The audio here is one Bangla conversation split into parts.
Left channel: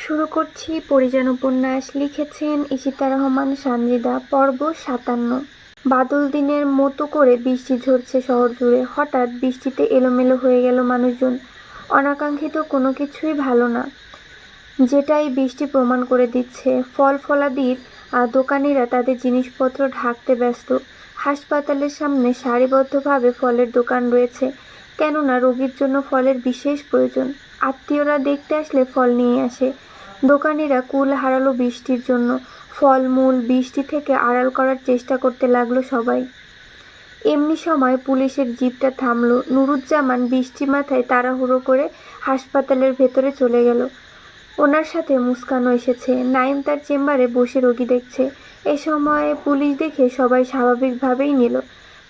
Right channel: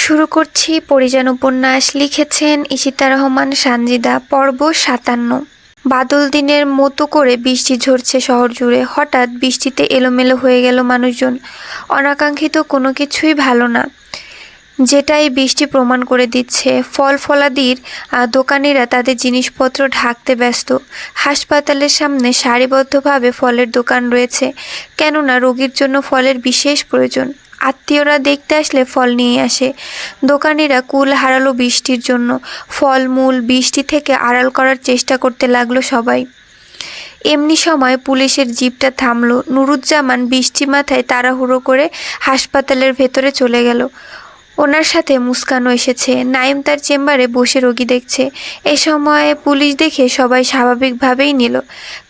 শুরু করছি পরিযান উপন্যাস। লিখেছেন ইশিতা রহমান সানজিদা। পর্ব ৫৭। বাদল দিনের মতো করে বৃষ্টি ঝরছে শহর জুড়ে। হঠাৎ বৃষ্টিতে এলোমেলো হয়ে গেল মানুষজন। অনাকাঙ্ক্ষিত কোনো কিছুই ভালো না, যেটা এই বৃষ্টি প্রমাণ করে দিচ্ছে। ফল ফলাদির দোকানিরা তাদের জিনিসপত্র ঢাকতে ব্যস্ত। হাসপাতালের সামনে সারিবদ্ধভাবে ফলের দোকান রয়েছে, কেননা রোগীর জন্য ফলের বিশেষ প্রয়োজন। আত্মীয়রা দেখতে আসলে ফল নিয়ে আসে। দোকানিরা কুল হারালো বৃষ্টির জন্য। ফলমূল বৃষ্টি থেকে আড়াল করার চেষ্টা করতে লাগলো সবাই। এমনি সময় পুলিশের জিপটা থামলো। নুরুজ্জামান বৃষ্টি মাথায় তাড়াহুড়ো করে হাসপাতালের ভেতরে চলে গেল। ওনার সাথে মুস্কানও এসেছে। নাইম তার চেম্বারে বসে রোগী দেখছে। এ সময় পুলিশ দেখে সবাই স্বাভাবিকভাবেই নিল,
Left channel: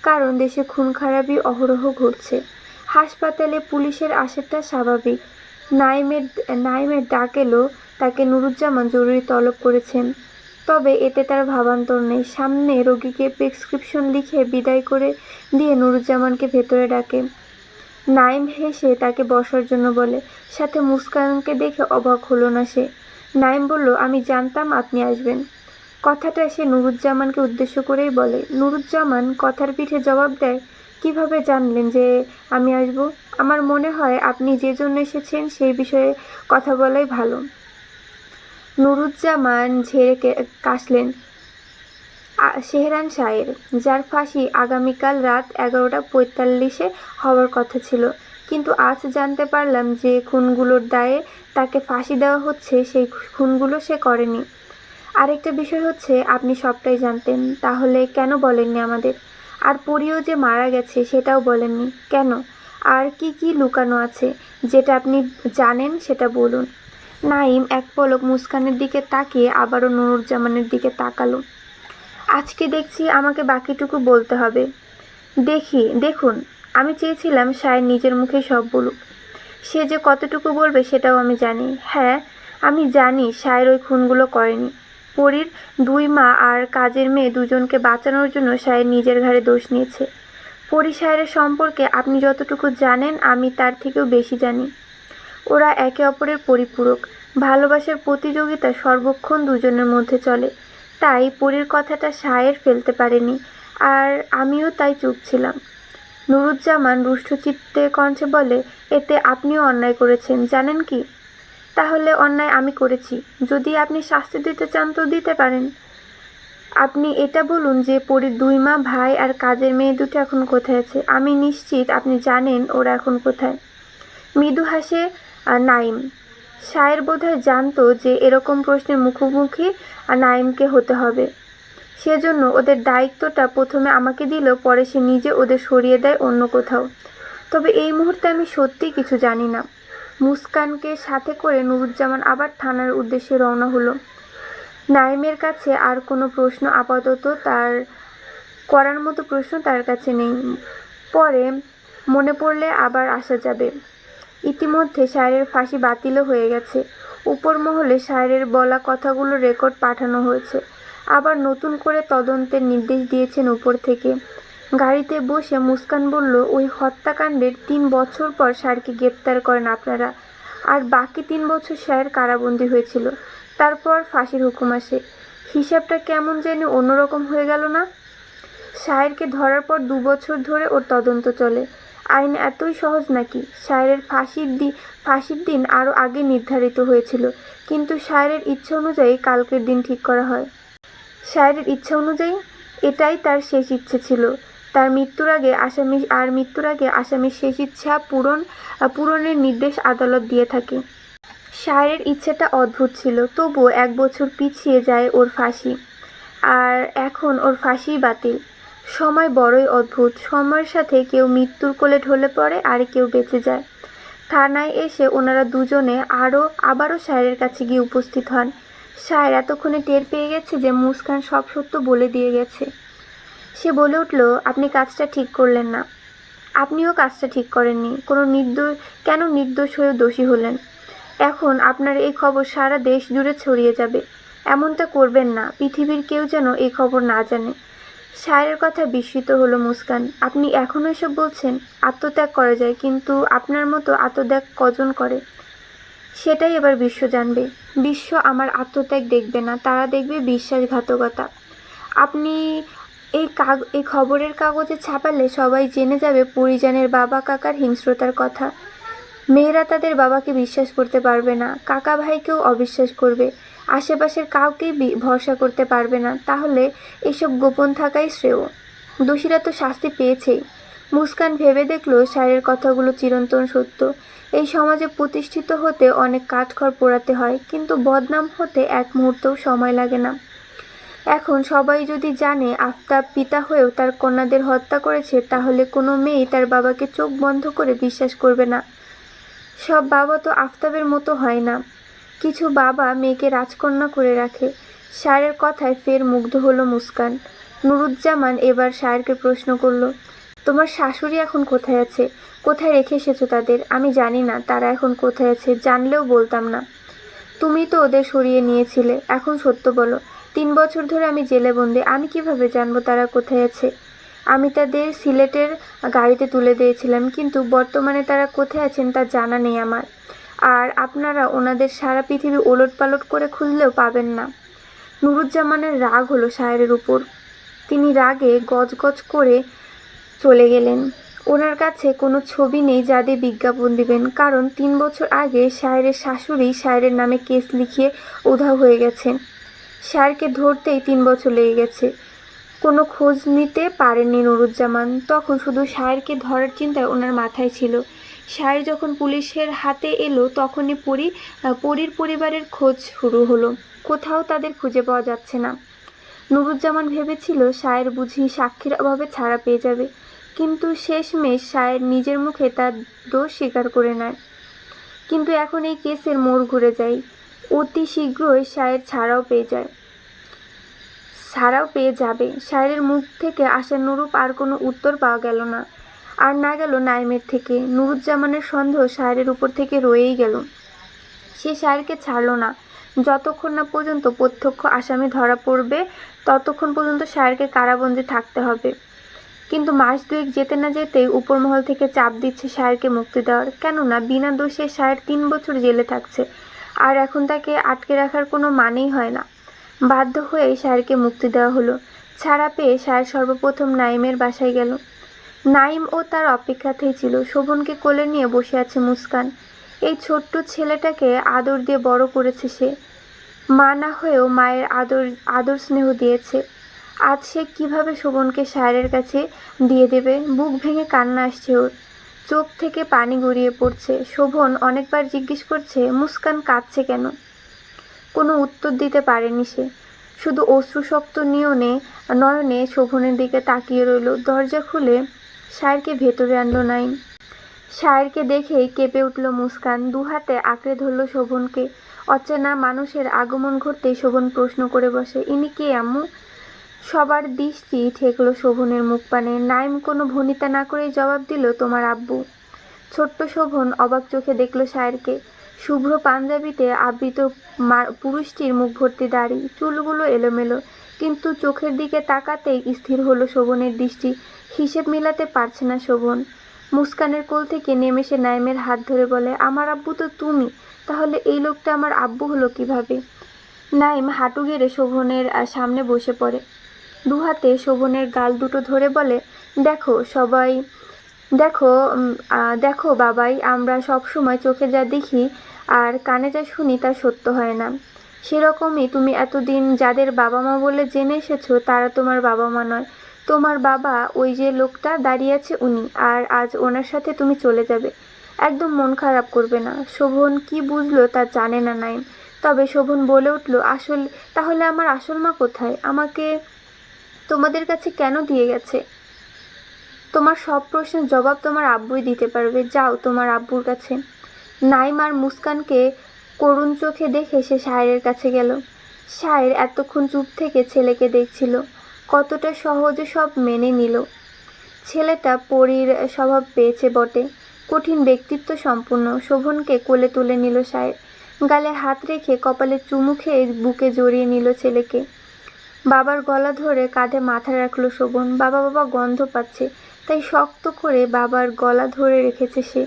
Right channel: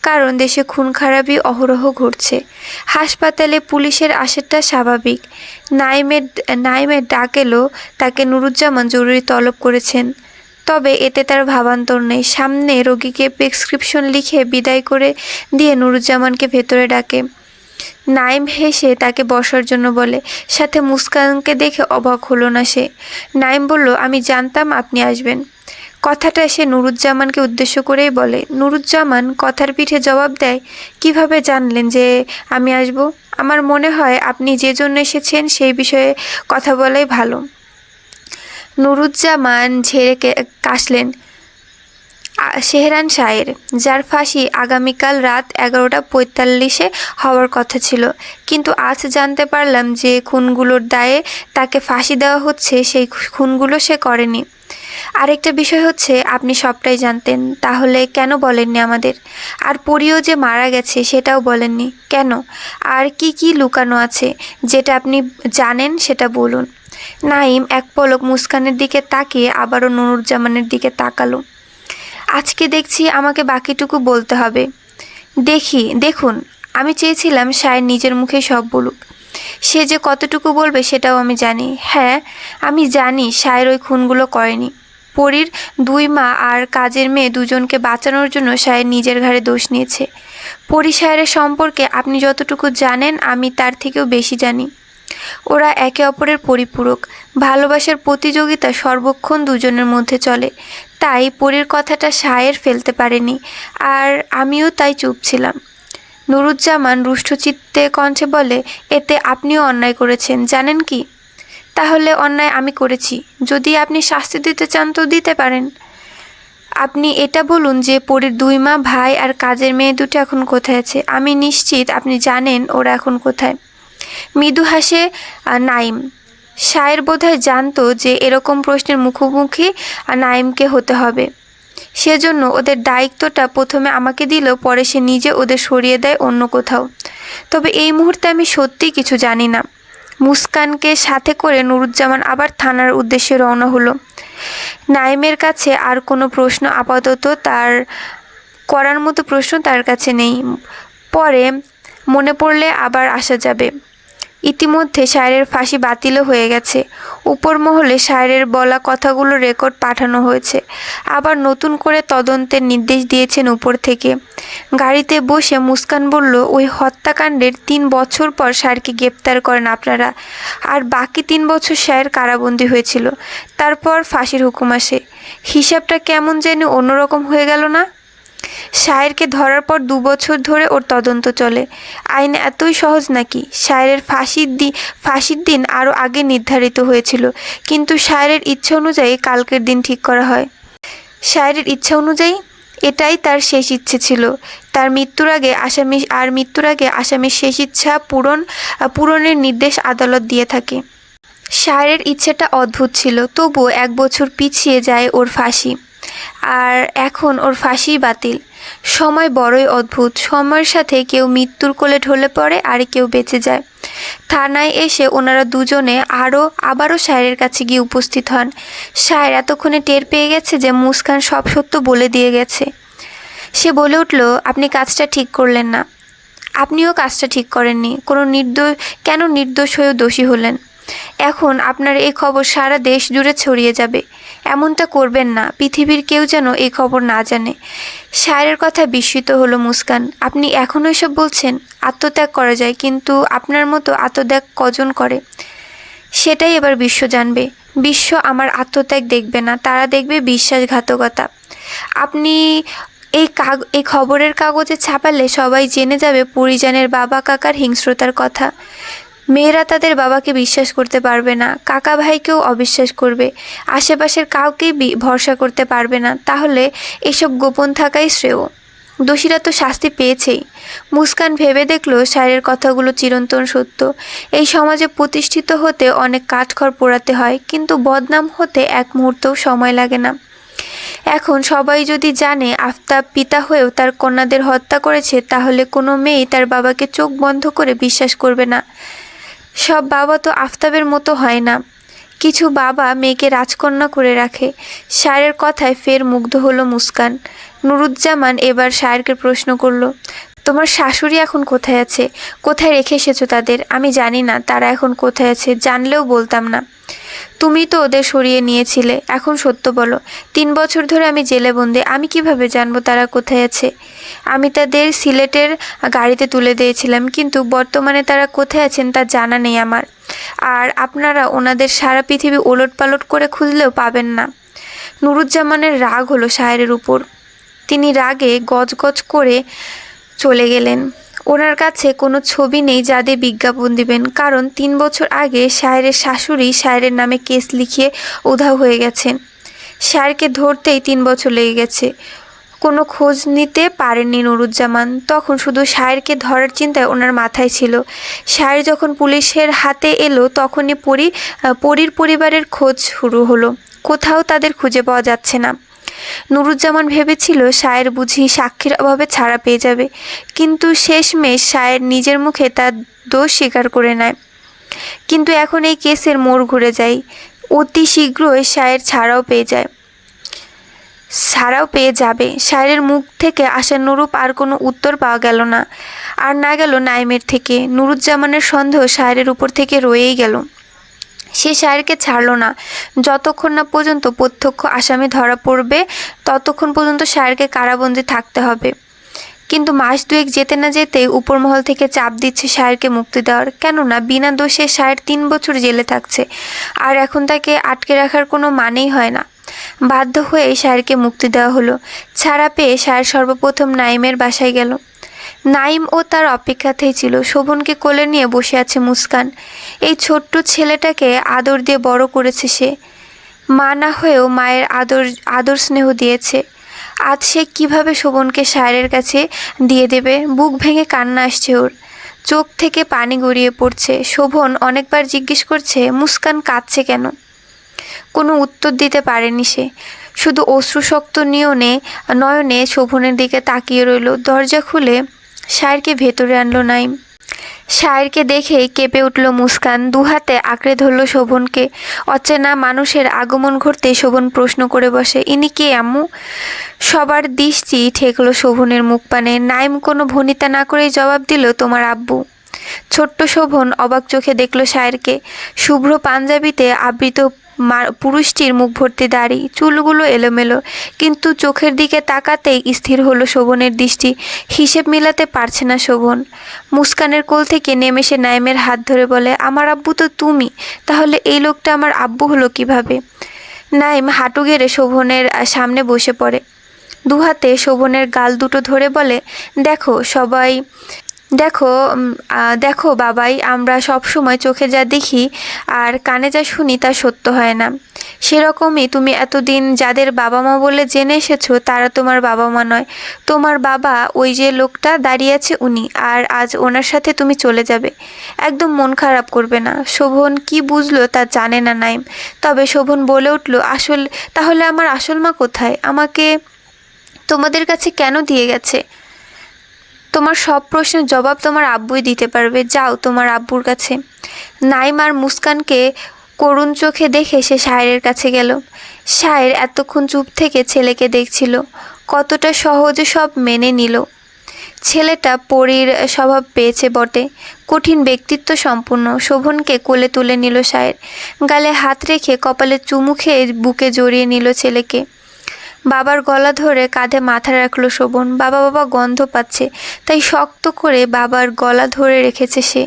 কারণ দেশে খুন খারাপি অহরহ ঘটছে। হাসপাতালে পুলিশের আসাটা স্বাভাবিক। নাইমের ডাক এলো, তাকে নুরুজ্জামান জরুরি তলব করেছেন। তবে এতে তার ভাবান্তর নেই। সামনে রোগীকে প্রেসক্রিপশন লিখে বিদায় করে দিয়ে নুরুজ্জামানকে ভেতরে ডাকে। নাইম হেসে তাকে বসার জন্য বলে। সাথে মুস্কানকে দেখে অবাক হলো না সে। নাইম বলল, আমি জানতাম আপনি আসবেন। কথাটা সে নুরুজ্জামানকে উদ্দেশ্য করেই বলে। নুরুজ্জামান কথার পিঠে জবাব দেয়, কিভাবে জানলেন যে আমি আসব? আমার মনে হয় আপনি যে জন্য এসেছেন সেই বিষয়ে কথা বলাই ভালো। নুরুজ্জামান ঝেড়ে কাশলেন। শেহরান শাহের, যার ফাঁসি আগামীকাল রাত 11:45-এ হওয়ার কথা ছিল, কিন্তু আজ জানতে পারলাম যে খুনগুলোর দায়ে তাকে ফাঁসি দেওয়া হচ্ছে। সেই খুনগুলো সে করেনি। আরেকটা বিষয় হচ্ছে, আপনি সবটাই জানতেন, তাহলে কেন বলেননি আমাদের? আর পরিও যে মারা গেছে সেটাও বলেননি কেন? আর কি কি লুকানো আছে যেটা আপনি জানেন সেটা বলুন। নাইম এক পলক মুস্কানের দিকে তাকিয়ে আবারও নুরুজ্জামানের দিকে তাকালো। আজকে দেখছি আমাকে বাকিটুকু বলতে হবে। দেখুন, আমি চেয়েছিলাম সায়ের নিজের মুখে সব বলুক। সে যে কতটুকু বলবে সেটাও আমি জানি। হ্যাঁ, আমি জানি সায়ের ওই খুনগুলো করেনি। পরীর 2 মা আর কাজের মেয়ে দুজনকে বাঁচানোর জন্য সায়ের নিজের ঘাড়ে দোষ নিয়েছে। পরী সায়ের সম্পর্কে আপনি যতটুকু জানেন আমি তার থেকেও বেশি জানি। ওরা একে অপরের পরিপূরক। ভালোবাসার প্রতিযোগিতা সর্বক্ষণ দুজনের মধ্যে চলে। তাই পরীর কথাটা সায়ের ফেলতে পারেনি, আর আমিও তাই চুপ ছিলাম। নুরুজ্জামান রুষ্টচিত্তে কণ্ঠে বলে, এতে আপনিও অন্যায় করেছেন, জানেন কি? তাহলে অন্যায় আমি করেছি। যদি আপনি শাস্তি দিতে চান তো দিতে পারেন। আপনি এটা বলুন যে পরীর 2 মা, ভাই আর কাজের মেয়ে দুটো এখন কোথায় আছে? আমি নিশ্চিত আপনি জানেন ওরা এখন কোথায়। মৃদু হাসে নাইম। সায়ের বোধহয় জানতো যে এরকম প্রশ্নের মুখোমুখি নাইমকে হতে হবে। সেজন্য ওদের দায়িত্বটা প্রথমে আমাকে দিল, পরে সে নিজে ওদের সরিয়ে দেয় অন্য কোথাও। তবে এই মুহূর্তে আমি সত্যিই কিছু জানি না। মুস্কানকে সাথে করে নুরুজ্জামান আবার থানার উদ্দেশ্যে রওনা হলো। নাইমের কাছে আর কোনো প্রশ্ন আপাতত তার করার মতো প্রশ্ন তার কাছে নেই। পরে মনে পড়লে আবার আসা যাবে। ইতিমধ্যে সায়েরের ফাঁসি বাতিলও হয়ে গেছে। উপর মহলে সায়েরের বলা কথাগুলো রেকর্ড পাঠানো হয়েছে। আবার নতুন করে তদন্তের নির্দেশ দিয়েছেন উপর থেকে। গাড়িতে বসে মুস্কান বলল, ওই হত্যাকাণ্ডের 3 বছর পর সায়েরকে গ্রেপ্তার করেন আপনারা, আর বাকি 3 বছর সায়ের কারাবন্দী হয়েছিল। তারপর ফাঁসির হুকুম আসে। হিসাবটা কেমন যেন অন্যরকম হয়ে গেল না? সায়েরকে ধরার পর 2 বছর ধরে ওর তদন্ত চলে। আইন এতই সহজ নাকি? সায়েরের ফাঁসির দিন আরও আগে নির্ধারিত হয়েছিল, কিন্তু সায়েরের ইচ্ছা অনুযায়ী কালকের দিন ঠিক করা হয়। সায়েরের ইচ্ছা অনুযায়ী? এটাই তার শেষ ইচ্ছে ছিল। তার মৃত্যুর আগে আসামির শেষ ইচ্ছা পূরণের নির্দেশ আদালত দিয়ে থাকে। সায়েরের ইচ্ছেটা অদ্ভুত ছিল, তবুও 1 বছর পিছিয়ে যায় ওর ফাঁসি। আর এখন ওর ফাঁসি বাতিল। সময় বড়ই অদ্ভুত। সময়ের সাথে কেউ মৃত্যুর কোলে ঢলে পড়ে, আর কেউ বেঁচে যায়। থানায় এসে ওনারা দুজনে আবারও সায়েরের কাছে গিয়ে উপস্থিত হন। সায়ের এতক্ষণে টের পেয়ে গেছে যে মুস্কান সব সত্য বলে দিয়ে গেছে। সে বলে উঠল, আপনি কাজটা ঠিক করলেন না। আপনিও কাজটা ঠিক করেননি। কেন নির্দোষ হয়েও দোষী হলেন? এখন আপনার এই খবর সারা দেশ জুড়ে ছড়িয়ে যাবে। এমনটা করবেন না। পৃথিবীর কেউ যেন এই খবর না জানে। সায়েরের কথা বিস্মিত হলো মুস্কান। আপনি এখনও এসব বলছেন? আত্মত্যাগ করা যায়, কিন্তু আপনার মতো আত্মত্যাগ কজন করে? সেটাই এবার বিশ্ব জানবে। বিশ্ব আমার আত্মত্যাগ দেখবে না, তারা দেখবে বিশ্বাসঘাতকতা। আপনি এই খবরের কাগজে ছাপালে সবাই জেনে যাবে পরিজনের বাবা কাকার হিংস্রতার কথা। মেয়েরা তাদের বাবাকে বিশ্বাস করতে পারবে না, কাকা ভাইকেও অবিশ্বাস করবে, আশেপাশের কাউকেই ভরসা করতে পারবে না। তাহলে এসব গোপন থাকাই শ্রেয়। দোষীরা তো শাস্তি পেয়েছেই। মুস্কান ভেবে দেখল সায়ের কথাগুলো চিরন্তন সত্য। এই সমাজে প্রতিষ্ঠিত হতে অনেক কাঠখড় পোড়াতে হয়, কিন্তু বদনাম হতে এক মুহূর্তও সময় লাগে না। এখন সবাই যদি জানে আফতাব পিতা হয়েও তার কন্যাদের হত্যা করেছে, তাহলে কোনো মেয়েই তার বাবাকে চোখ বন্ধ করে বিশ্বাস করবে না। সব বাবা তো আফতাবের মতো হয় না। কিছু বাবা মেয়েকে রাজকন্যা করে রাখে। সায়ের কথায় ফের মুগ্ধ হলো মুস্কান। নুরুজ্জামান এবার সায়েরকে প্রশ্ন করল, তোমার শাশুড়ি এখন কোথায় আছে? কোথায় রেখে এসেছো তাদের? আমি জানি না তারা এখন কোথায় আছে, জানলেও বলতাম না। তুমি তো ওদের সরিয়ে নিয়েছিলে। এখন সত্য বলো, 3 বছর ধরে আমি জেলে বন্দি, আমি কিভাবে জানবো তারা কোথায় আছে? আমি তাদের সিলেটের গাড়িতে তুলে দিয়েছিলাম, কিন্তু বর্তমানে তারা কোথায় আছেন তা জানা নেই আমার। আর আপনারা ওনাদের সারা পৃথিবী ওলটপালট করে খুঁজলেও পাবেন না। নুরুজ্জামানের রাগ হলো সায়েরের উপর। তিনি রাগে গজগজ করে চলে গেলেন। ওনার কাছে কোনো ছবি নেই যা দিয়ে বিজ্ঞাপন দিবেন, কারণ 3 বছর আগে সায়েরের শাশুড়ি সায়েরের নামে কেস লিখিয়ে উধাও হয়ে গেছেন। সায়েরকে ধরতেই 3 বছর লেগে গেছে। কোনো খোঁজ নিতে পারেননি নুরুজ্জামান। তখন শুধু সায়েরকে ধরার চিন্তায় ওনার মাথায় ছিল। সায়ের যখন পুলিশের হাতে এলো, তখনই পরীর পরিবারের খোঁজ শুরু হলো। কোথাও তাদের খুঁজে পাওয়া যাচ্ছে না। নুরুজ্জামান ভেবেছিল সায়ের বুঝি সাক্ষীর অভাবে ছাড়া পেয়ে যাবে, কিন্তু শেষমেশ সায়ের নিজের মুখে তার দোষ স্বীকার করে নেয়। কিন্তু এখন এই কেসের মোড় ঘুরে যায়। অতি শীঘ্রই সায়ের ছাড়াও পেয়ে যাবে। সায়েরের মুখ থেকে আশানুরূপ আর কোনো উত্তর পাওয়া গেল না। আর না গেল নাইমের থেকে। নুরুজ্জামানের সন্দেহ সায়েরের উপর থেকে রয়েই গেল। সে সায়েরকে ছাড়ল না। যতক্ষণ না পর্যন্ত প্রত্যক্ষ আসামি ধরা পড়বে, ততক্ষণ পর্যন্ত সায়েরকে কারাবন্দী থাকতে হবে। কিন্তু মাস 2 যেতে না যেতে উপরমহল থেকে চাপ দিচ্ছে সায়েরকে মুক্তি দেওয়ার। কেননা বিনা দোষে সায়ের 3 বছর জেলে থাকছে, আর এখন তাকে আটকে রাখার কোনো মানেই হয় না। বাধ্য হয়ে সায়েরকে মুক্তি দেওয়া হলো। ছাড়া পেয়ে সায়ের সর্বপ্রথম নাইমের বাসায় গেল। নাইম ও তার অপেক্ষাতেই ছিল। শোভনকে কোলে নিয়ে বসে আছে মুস্কান। এই ছোট্ট ছেলেটাকে আদর দিয়ে বড় করেছে সে। মা না হয়েও মায়ের আদর স্নেহ দিয়েছে। আজ সে কীভাবে শোভনকে সায়েরের কাছে দিয়ে দেবে? বুক ভেঙে কান্না আসছে ওর, চোখ থেকে পানি গড়িয়ে পড়ছে। শোভন অনেকবার জিজ্ঞেস করছে মুস্কান কাঁদছে কেন। কোনো উত্তর দিতে পারেনি সে। শুধু অশ্রুশক্ত নয়নে শোভনের দিকে তাকিয়ে রইল। দরজা খুলে সায়েরকে ভেতরে আনলো নাইম। সায়েরকে দেখেই কেঁপে উঠল মুস্কান। 2 হাতে আঁকড়ে ধরল শোভনকে। অচেনা মানুষের আগমন ঘটতে শোভন প্রশ্ন করে বসে, ইনি কে আম্মু? সবার দৃষ্টি ঠেকলো শোভনের মুখপানে। নাইম কোনো ভনিতা না করেই জবাব দিল, তোমার আব্বু। ছোট্ট শোভন অবাক চোখে দেখল সায়েরকে। শুভ্র পাঞ্জাবিতে আবৃত পুরুষটির মুখ ভর্তি দাড়ি, চুলগুলো এলোমেলো, কিন্তু চোখের দিকে তাকাতেই স্থির হলো শোভনের দৃষ্টি। হিসেব মিলাতে পারছে না শোভন। মুস্কানের কোল থেকে নেমে সে নাইমের হাত ধরে বলে, আমার আব্বু তো তুমি, তাহলে এই লোকটা আমার আব্বু হলো কিভাবে? নাইম হাঁটু গেড়ে শোভনের সামনে বসে পড়ে। 2 হাতে শোভনের গাল দুটো ধরে বলে, দেখো বাবাই, আমরা সব সময় চোখে যা দেখি আর কানে যা শুনি তা সত্য হয় না। সেরকমই তুমি এতদিন যাদের বাবা মা বলে জেনে এসেছো, তারা তোমার বাবা মা নয়। তোমার বাবা ওই যে লোকটা দাঁড়িয়ে আছে, উনি। আর আজ ওনার সাথে তুমি চলে যাবে। একদম মন খারাপ করবে না। শোভন কি বুঝলো তা জানে না নাইম। তবে শোভন বলে উঠল, তাহলে আমার আসল মা কোথায়? আমাকে তোমাদের কাছে কেন দিয়ে গেছে? তোমার সব প্রশ্নের জবাব তোমার আব্বুই দিতে পারবে। যাও তোমার আব্বুর কাছে। নাইম আর মুস্কানকে করুণ চোখে দেখে সে সায়েরের কাছে গেল। সায়ের এতক্ষণ চুপ থেকে ছেলেকে দেখছিল। কতটা সহজে সব মেনে নিল। ছেলেটা পরীর স্বভাব পেয়েছে বটে, কঠিন ব্যক্তিত্ব সম্পূর্ণ। শোভনকে কোলে তুলে নিল সায়ের। গালে হাত রেখে কপালে চুমু খেয়ে বুকে জড়িয়ে নিল ছেলেকে। বাবার গলা ধরে কাঁধে মাথা রাখলো শোভন। বাবা বাবা গন্ধ পাচ্ছে, তাই শক্ত করে বাবার গলা ধরে রেখেছে সে।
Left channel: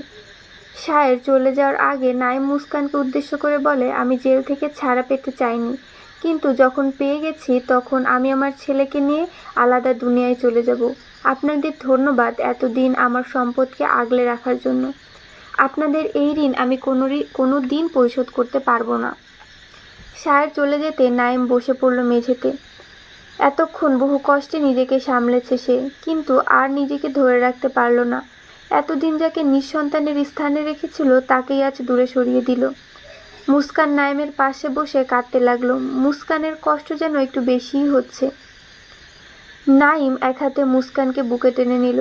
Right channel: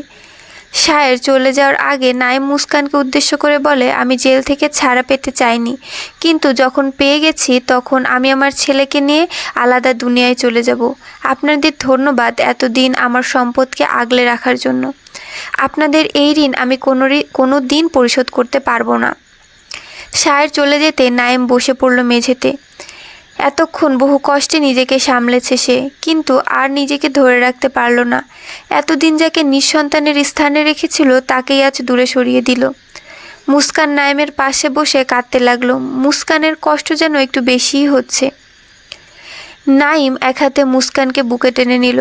শায়ের চলে যাওয়ার আগে নাইম মুস্কানকে উদ্দেশ্য করে বলে, আমি জেল থেকে ছাড়া পেতে চাইনি, কিন্তু যখন পেয়ে গেছি তখন আমি আমার ছেলেকে নিয়ে আলাদা দুনিয়ায় চলে যাব। আপনাদের ধন্যবাদ এতদিন আমার সম্পদকে আগলে রাখার জন্য। আপনাদের এই ঋণ আমি কোনো দিন পরিশোধ করতে পারবো না। শায়ের চলে যেতে নাইম বসে পড়ল মেঝেতে। এতক্ষণ বহু কষ্টে নিজেকে সামলেছে সে, কিন্তু আর নিজেকে ধরে রাখতে পারল না। এতদিন যাকে নিঃসন্তানের স্থানে রেখেছিল তাকেই আজ দূরে সরিয়ে দিল। মুস্কান নাইমের পাশে বসে কাঁদতে লাগলো। মুস্কানের কষ্ট যেন একটু বেশিই হচ্ছে। নাইম এক হাতে মুস্কানকে বুকে টেনে নিল।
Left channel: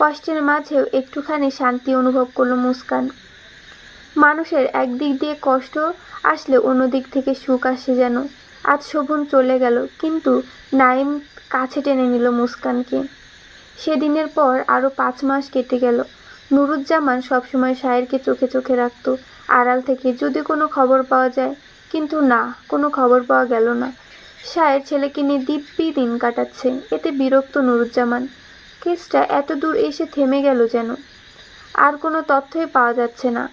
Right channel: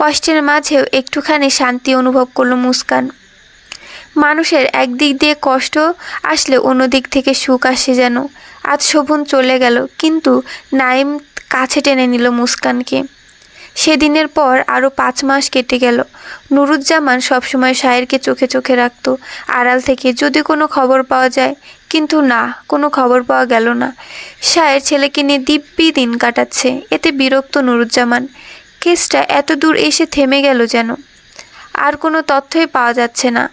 কষ্টের মাঝেও একটুখানি শান্তি অনুভব করলো মুস্কান। মানুষের একদিক দিয়ে কষ্ট আসলে অন্য দিক থেকে সুখ আসে যেন। আজ শোভন চলে গেল, কিন্তু নাইম কাছে টেনে নিল মুস্কানকে। সেদিনের পর আরও 5 মাস কেটে গেল। নুরুজ্জামান সবসময় শায়েরকে চোখে চোখে রাখত, আড়াল থেকে যদি কোনো খবর পাওয়া যায়, কিন্তু না, কোনো খবর পাওয়া গেল না। শায়ের ছেলেকে নিয়ে দিব্যি দিন কাটাচ্ছে, এতে বিরক্ত নুরুজ্জামান। কেসটা এত দূর এসে থেমে গেল যেন, আর কোনো তথ্যই পাওয়া যাচ্ছে না।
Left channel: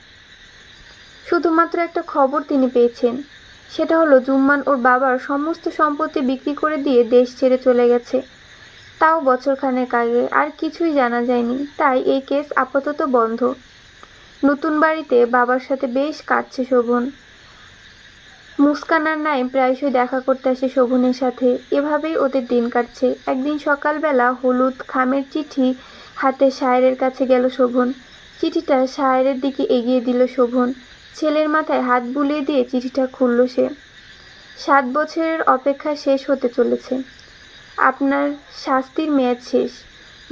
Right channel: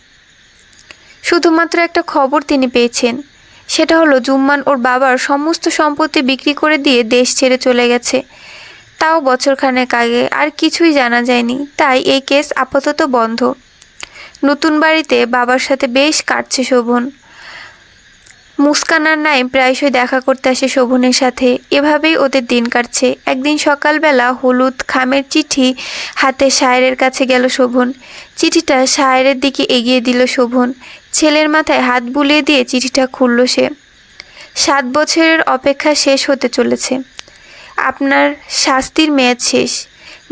শুধুমাত্র একটা খবর তিনি পেয়েছেন, সেটা হলো জুম্মান ওর বাবার সমস্ত সম্পত্তি বিক্রি করে দিয়ে দেশ ছেড়ে চলে গেছে, তাও বছরখানেক আগে। আর কিছুই জানা যায়নি, তাই এই কেস আপাতত বন্ধ। নতুন বাড়িতে বাবার সাথে বেশ কাটছে শোভন। মুস্কান আর নাইম প্রায়শই দেখা করতে আসে শোভনের সাথে, এভাবেই ওদের দিন কাটছে। একদিন সকালবেলা হলুদ খামের চিঠি হাতে শায়েরের কাছে গেল শোভন। চিঠিটা শায়েরের দিকে এগিয়ে দিল শোভন। ছেলের মাথায় হাত বুলিয়ে দিয়ে চিঠিটা খুলল সে। 7 বছরের অপেক্ষা শেষ হতে চলেছে। আপনার শাস্তির মেয়াদ শেষ।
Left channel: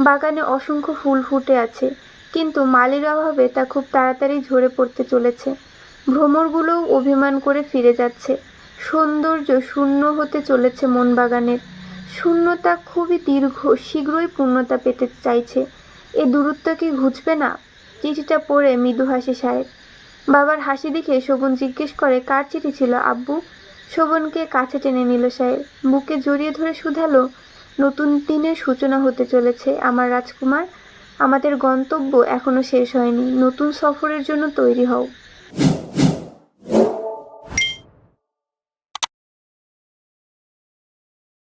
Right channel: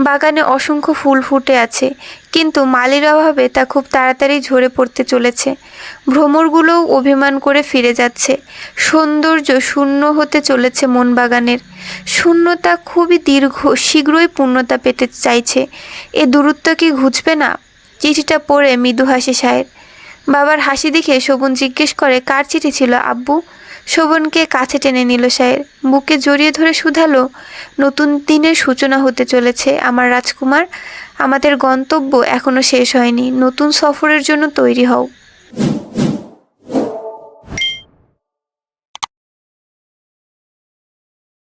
বাগানে অসংখ্য ফুল ফুটে আছে, কিন্তু মালির অভাবে তা খুব তাড়াতাড়ি ঝরে পড়তে চলেছে। ভ্রমরগুলোও অভিমান করে ফিরে যাচ্ছে। সৌন্দর্য শূন্য হতে চলেছে মন বাগানের। শূন্যতা খুবই দীর্ঘ, শীঘ্রই পূর্ণতা পেতে চাইছে। এ দূরত্ব কি ঘুচবে না? চিঠিটা পড়ে মৃদু হাসে শায়ের। বাবার হাসি দেখে শোভন জিজ্ঞেস করে, কার চিঠি ছিল আব্বু? শোভনকে কাছে টেনে নিল শায়ের, বুকে জড়িয়ে ধরে শুধালো, নতুন দিনের সূচনা হতে চলেছে আমার রাজকুমার। আমাদের গন্তব্য এখনো শেষ হয়নি। নতুন সফরের জন্য তৈরি হও।